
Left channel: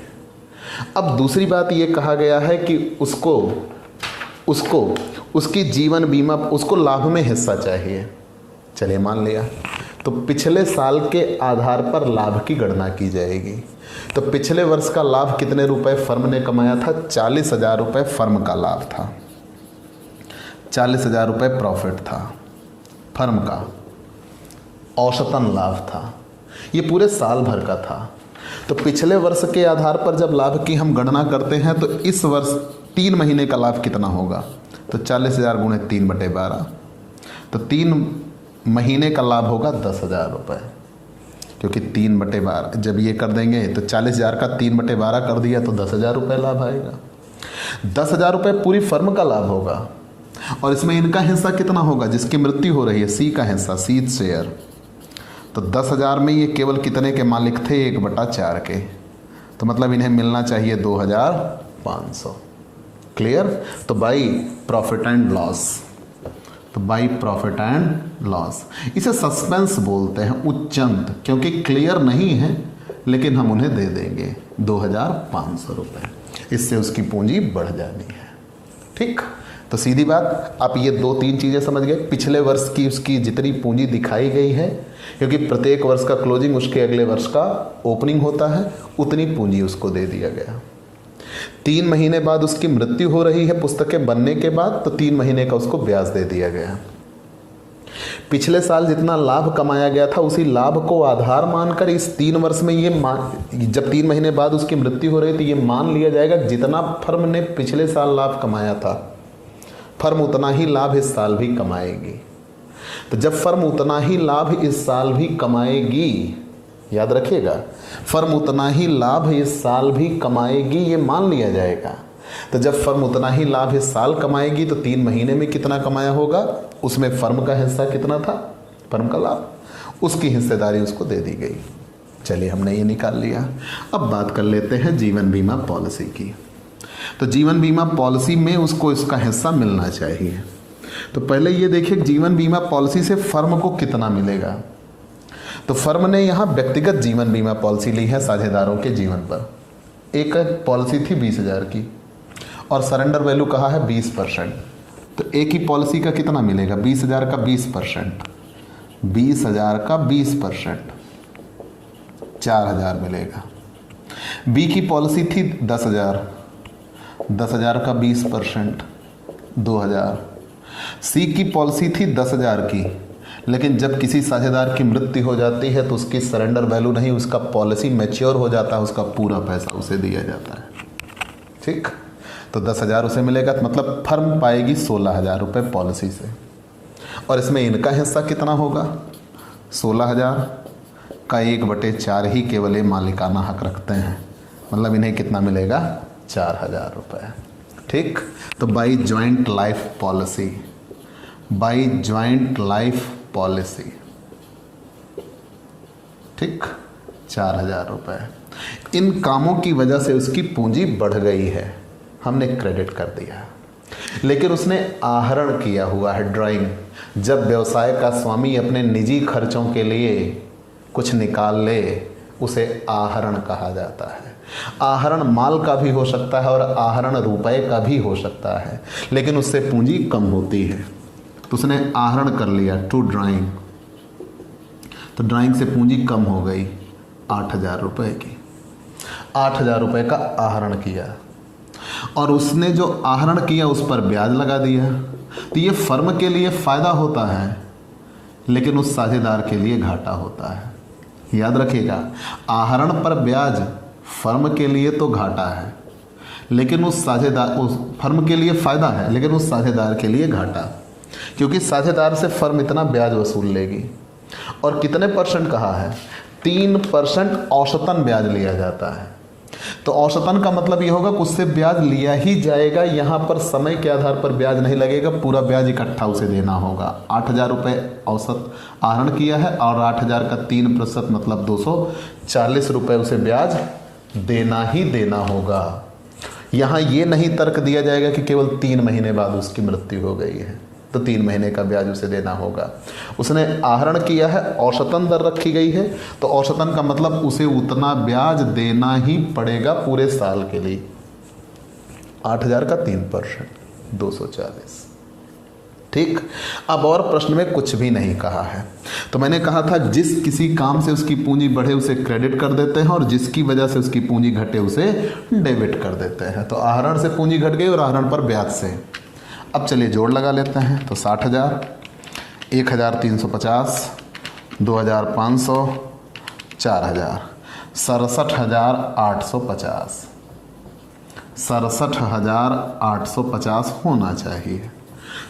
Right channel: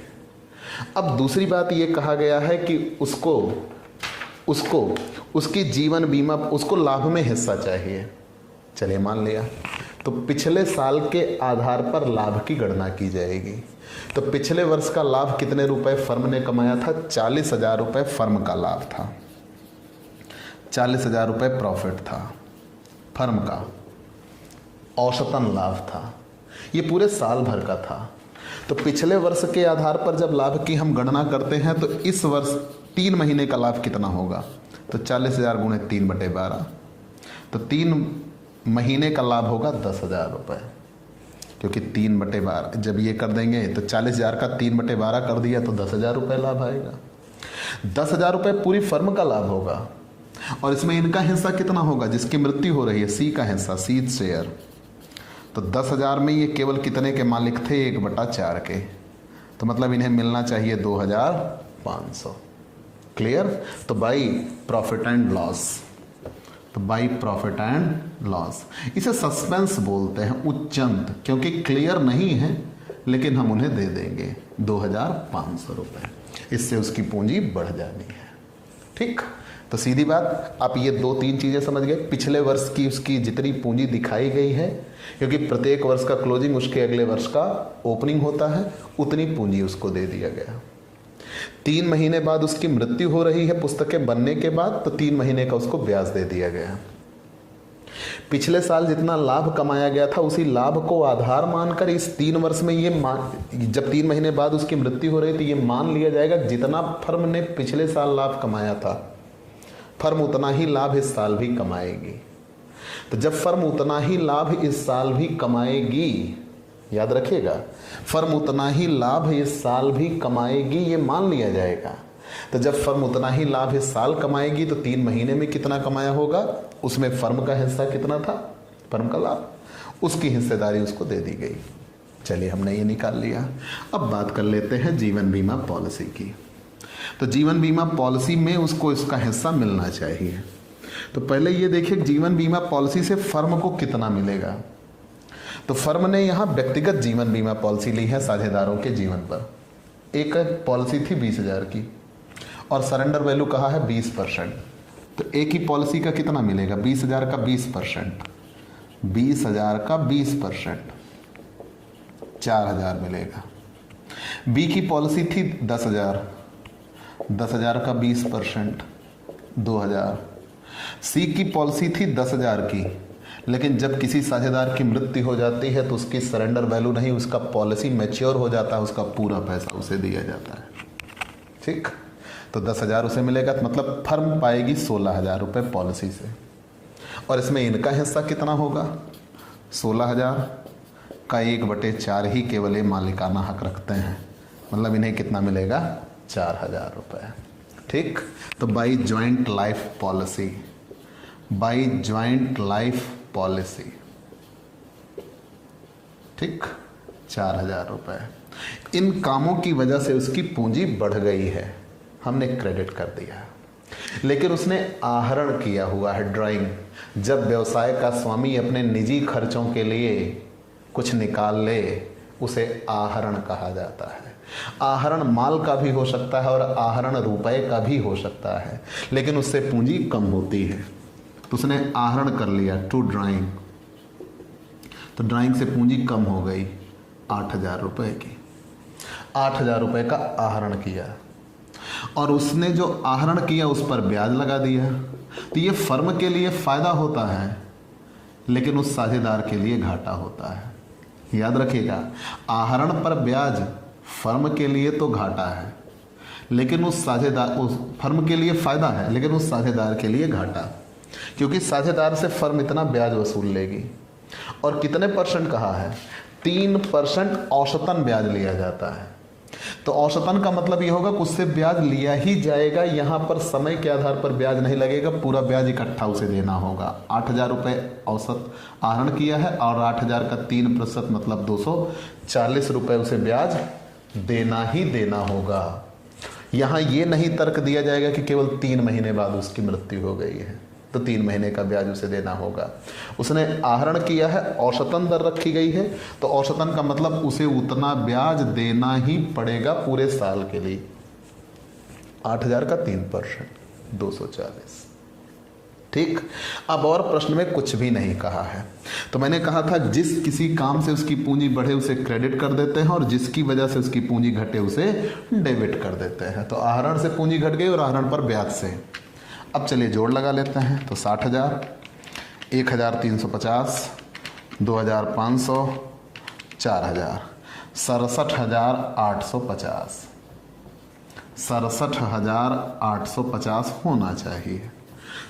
अब दूसरी बात ये कहा गया है कि उसको उसकी जीवन बीमा, उसको लाभ में हिस्सा चाहिए। चलिए मान लिया, तो पिछले साल के आधार पर लाभ की गणना की जाएगी। तो पिछले वर्ष का लाभ कितने रुपए फर्म ने कमाया था? 40,000 रुपए फर्म का लाभ था। 40,000 रुपये प्रॉफिट था फर्म का, औसतन लाभ था, ये पूरे साल भर का था। तो पिछले वर्ष के आधार पर जब लाभ की हम गणना करते हैं तो इस वर्ष 3 महीने का लाभ कितना होगा, तो 40,000 गुणे 3/12, तो 3 महीने का लाभ होगा 10,000 रुपये, क्योंकि 3/12 जब ये कर देंगे तो 40,000 का 3/12 कर दिया तो 10,000 रुपये लाभ आएगा। 10,000 रुपये पूरी फर्म का लाभ होगा, और इसमें इनका हिस्सा कितना होगा, जिसकी मृत्यु हो रही है, सी का हिस्सा, सी शेयर। तो 10,000 में ये केवल कितने के मालिक थे, 1/4 के, तो मतलब इन्हें मिलना चाहिए 2,500। क्लियर। तो बाई प्रॉफिट एंड लॉस, तो बाई प्रॉफिट एंड लॉस, इसे सस्पेंस बोलते हैं, उच्चंत, क्योंकि क्लियर नहीं है, लेकिन हम उन्हें दे देंगे 2,500 रुपये, इससे उसकी पूंजी बढ़ जानी है। ठीक, तो सीधी बात, आप ये 2-3 चीजें समझ गए। पिछले वर्ष की उसकी जितनी पूंजी दिखाई गई है, क्योंकि प्रत्येक वर्ष का क्लोजिंग उसके अगले वर्ष का ओपनिंग होता है, उतनी पूंजी उसको दे दिया गया। 3 महीने बाद उसकी मृत्यु हो रही है पुस्तकें बनने के बाद, तो 3 महीने का उसको ब्याज दे दिया गया। पिछले साल जितना लाभ कमाया गया था, उसी लाभ को आधार मानकर इस 3 वर्ष में जब 3 महीने बाद उसकी मृत्यु हो रही थी, ये मान लिया जाएगा जितना फर्म ने पिछले साल लाभ कमाया था, फर्म उतना ही लाभ इस साल भी कमाएगी। तो जब फर्म उतना ही लाभ इस साल भी कमाएगी, याद रखिएगा, फर्म उतना ही लाभ इस साल भी कमाएगी, ये मान लिया जाएगा। तो जब फर्म उतना ही लाभ इस साल कमाएगी, तो 3 महीने में कितना कमाया होगा, उसमें फर्म का हिस्सा कितना था, फर्म का लाभ, उसकी हिस्सेदारी उसको दे दी गई। चलिए, हमने ये निकाल लिया। अब बात कर लेते हैं जीवन बीमा पॉलिसी की। तो जीवन बीमा पॉलिसी में उसको इसका हिस्सा मिलना चाहिए। तो पहले ये देखिए, जीवन बीमा पॉलिसी से फर्म को कितना मिलेगा। तो फर्म ने यहाँ व्यक्तिगत जीवन बीमा पॉलिसी ली है साझेदारों के जीवन पर। एक पॉलिसी थी 20,000 की, और सरेंडर वैल्यू कहा है 20%। तो एक ही पॉलिसी का कितना मिलेगा, 20,000 का 20%, 20,000 का 20%, 4,000 मिलेगा। बी की पॉलिसी थी 10,000, 10,000 का 20%, 2,000। सी की पॉलिसी थी 10,000 की, लेकिन जब किसी साझेदार की मृत्यु हो जाती है तो उसकी सरेंडर वैल्यू नहीं, उसका पॉलिसी मैच्योर हो जाता है, उसका पूरा पैसा उसे दिया जाता है। ठीक, तो 10,000 उसे मिलेगा, मतलब फर्म पाएगी 16,000 रुपये पॉलिसी से। और इसमें इनका हिस्सा कितना होगा, 16,000 का 1/4 ही केवल ये मालिकाना हक रखते हैं, मतलब इन्हें कितना मिलेगा, 4,000 रुपये। ठीक, तो by joint life policy, by joint life policy, ठीक, 4,000 रुपये। इन कामों की वजह से उसकी पूंजी बढ़ गई है, हमने क्रेडिट कर दिया। लेकिन उसने आहरण किया हुआ है, ड्राइंग। जब व्यवसाय का स्वामी अपने निजी खर्चों के लिए कुछ निकाल ले, उसे आहरण कहा जाता है। आहरण माल का भी हो सकता है और आहरण रुपए का भी हो सकता है, लेकिन उससे पूंजी कम होती है। तो उसने आहरण कर लिया टू ड्राइंग, तो ड्राइंग से पूंजी कम हो गई 8,000 रुपये की। 8,000 रुपये का आहरण किया, और उसने जो आहरण किया उस पर ब्याज लगा दिया। तो ये फर्म के लिए फायदा होता है, लेकिन उस साझेदार के लिए घाटा होता है। याद रखिएगा, आहरण पर ब्याज फर्म के लिए तो घाटा है, लेकिन उस फर्म के लिए फायदा है, लेकिन उस साझेदार के लिए घाटा, क्योंकि साझेदार से फर्म इतना ब्याज वसूल लेगी। और कितने % कहा है, 3% औसतन ब्याज लिया जाता है। तो औसतन का मतलब ये होगा कि उससे ब्याज लिया ही जाएगा, यहाँ पर समय के आधार पर ब्याज नहीं लगेगा, पूरा ब्याज इकट्ठा उसे देना होगा। 8,000 रुपये औसत आहरण किया है, और 8,000 का 3% मतलब 240 रुपये उसे ब्याज देना ही देना होगा। यहाँ ये नहीं तर्क दिया जाएगा कि केवल 3 महीने बाद उसकी मृत्यु हो गई है तो 3 महीने का ब्याज उसे देना होगा। उसने आहरण किया है, औसतन दर रखी गई है, तो औसतन का मतलब उसे उतना ब्याज देना ही पड़ेगा पूरे साल के लिए। 8,000 का 3%, 240। ठीक, अब और प्रश्न में कुछ भी नहीं कहा है। तो मैंने कहा था जिस किसी काम से उसकी पूंजी बढ़े उसे क्रेडिट कर देते हैं, और जिसकी वजह से उसकी पूंजी घटे उसे डेबिट कर देते हैं। तो आहरण से पूंजी घट गई और आहरण पर ब्याज से। अब चलिए जोड़ लगा लेते हैं। तो 60,000, 1,350, 2,500, 4,000, 67,850, 67,850 होना चाहिए।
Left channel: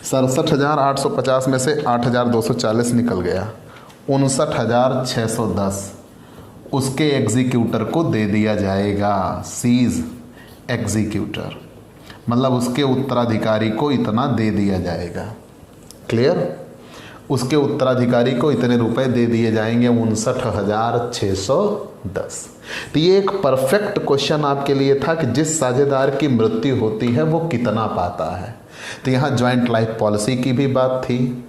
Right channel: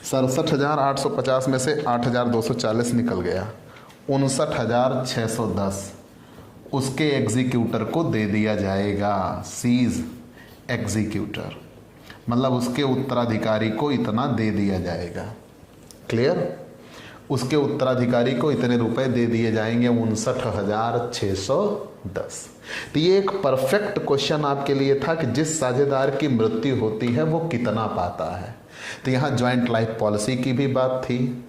67,850 में से 8,240 निकल गया, 59,610 उसके एग्जीक्यूटर को दे दिया जाएगा। सीज एग्जीक्यूटर मतलब उसके उत्तराधिकारी को इतना दे दिया जाएगा। क्लियर? उसके उत्तराधिकारी को इतने रुपए दे दिए जाएंगे, 59,610। तो ये एक परफेक्ट क्वेश्चन आपके लिए था कि जिस साझेदार की मृत्यु होती है वो कितना पाता है। तो यहाँ ज्वाइंट लाइफ पॉलिसी की भी बात थी,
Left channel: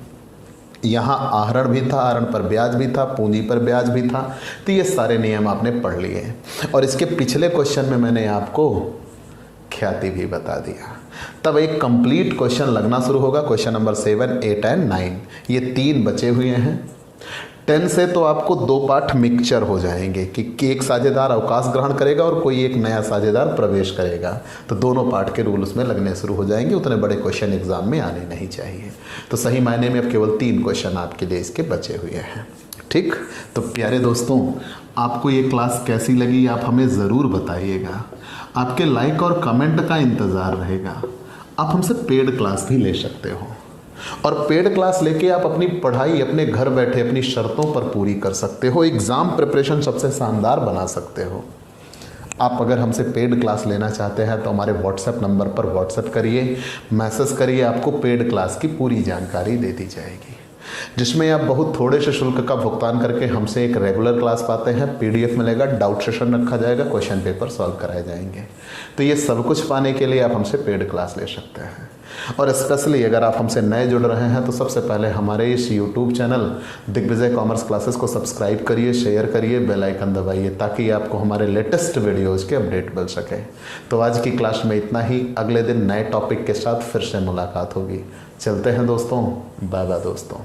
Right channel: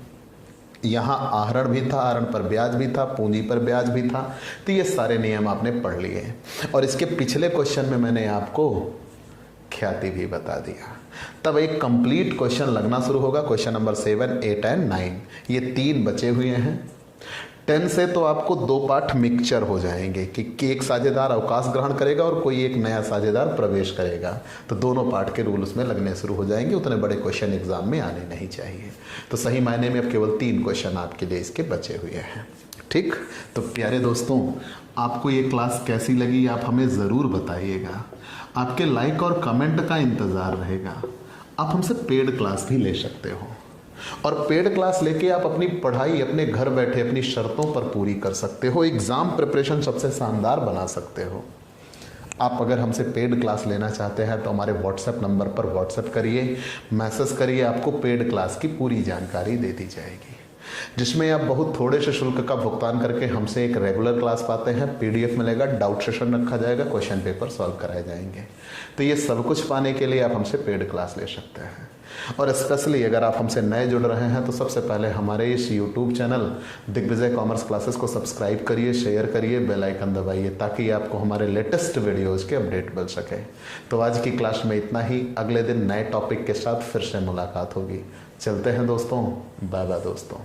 यहाँ आहरण भी था, आहरण पर ब्याज भी था, पूंजी पर ब्याज भी था। तो ये सारे नियम आपने पढ़ लिए और इसके पिछले क्वेश्चन में मैंने आपको ख्याति भी बता दिया। तब एक कंप्लीट क्वेश्चन लगना शुरू होगा, क्वेश्चन नंबर 7, 8 एंड 9। ये 3 बचे हुए हैं। 10 से तो आपको 2 पार्ट मिक्सचर हो जाएंगे कि एक साझेदार अवकाश ग्रहण करेगा और कोई एक नया साझेदार प्रवेश करेगा। तो दोनों पार्ट के रूल उसमें लगने शुरू हो जाएंगे। उतने बड़े क्वेश्चन एग्जाम में आने नहीं चाहिए। तो सही मायने में अब केवल 3 क्वेश्चन आपके लिए इसके बचे हुए हैं। ठीक, तो प्यारे दोस्तों, आपको ये क्लास कैसी लगी आप हमें ज़रूर बताइएगा। आपके लाइक और कमेंट का इंतज़ार रहेगा। आप हमसे पेड क्लास भी ले सकते हो और पेड क्लास लेके आप अपनी पढ़ाई अपने घर बैठे अपनी शर्तों पर पूरी कर सकते हो। एग्ज़ाम प्रिपरेशन सबसे शानदार बना सकते हो। आप अगर हमसे पेड क्लास लेना चाहते हैं तो हमारे व्हाट्सएप नंबर पर व्हाट्सएप करिए, मैसेज करिए, आपको पेड क्लास की पूरी जानकारी दे दी जाएगी, जिसमें आप बहुत थोड़े से शुल्क का भुगतान करके हमसे एक रेगुलर क्लास पाते हैं। PDF मिलेगा, डाउट सेशन रखा जाएगा, क्वेश्चन पेपर सॉल्व कराए जाएंगे। तो ये सब कुछ पाने के लिए आप हमसे पेड क्लास ले सकते हैं। और स्पेशली अगर आप हमसे नए जुड़ रहे हैं तो सबसे पहले हमारे इस YouTube channel Digvijay commerce classes को सब्सक्राइब करिए, शेयर करिए, बेल आइकन दबाइए ताकि आपको हमारे लेटेस्ट वीडियोज़ के अपडेट मिल सके। तो आज की क्लास में इतना ही। अगले दिन नए टॉपिक के साथ फिर से मुलाकात होगी। चलते हैं दोस्तों, बाय बाय दोस्तों।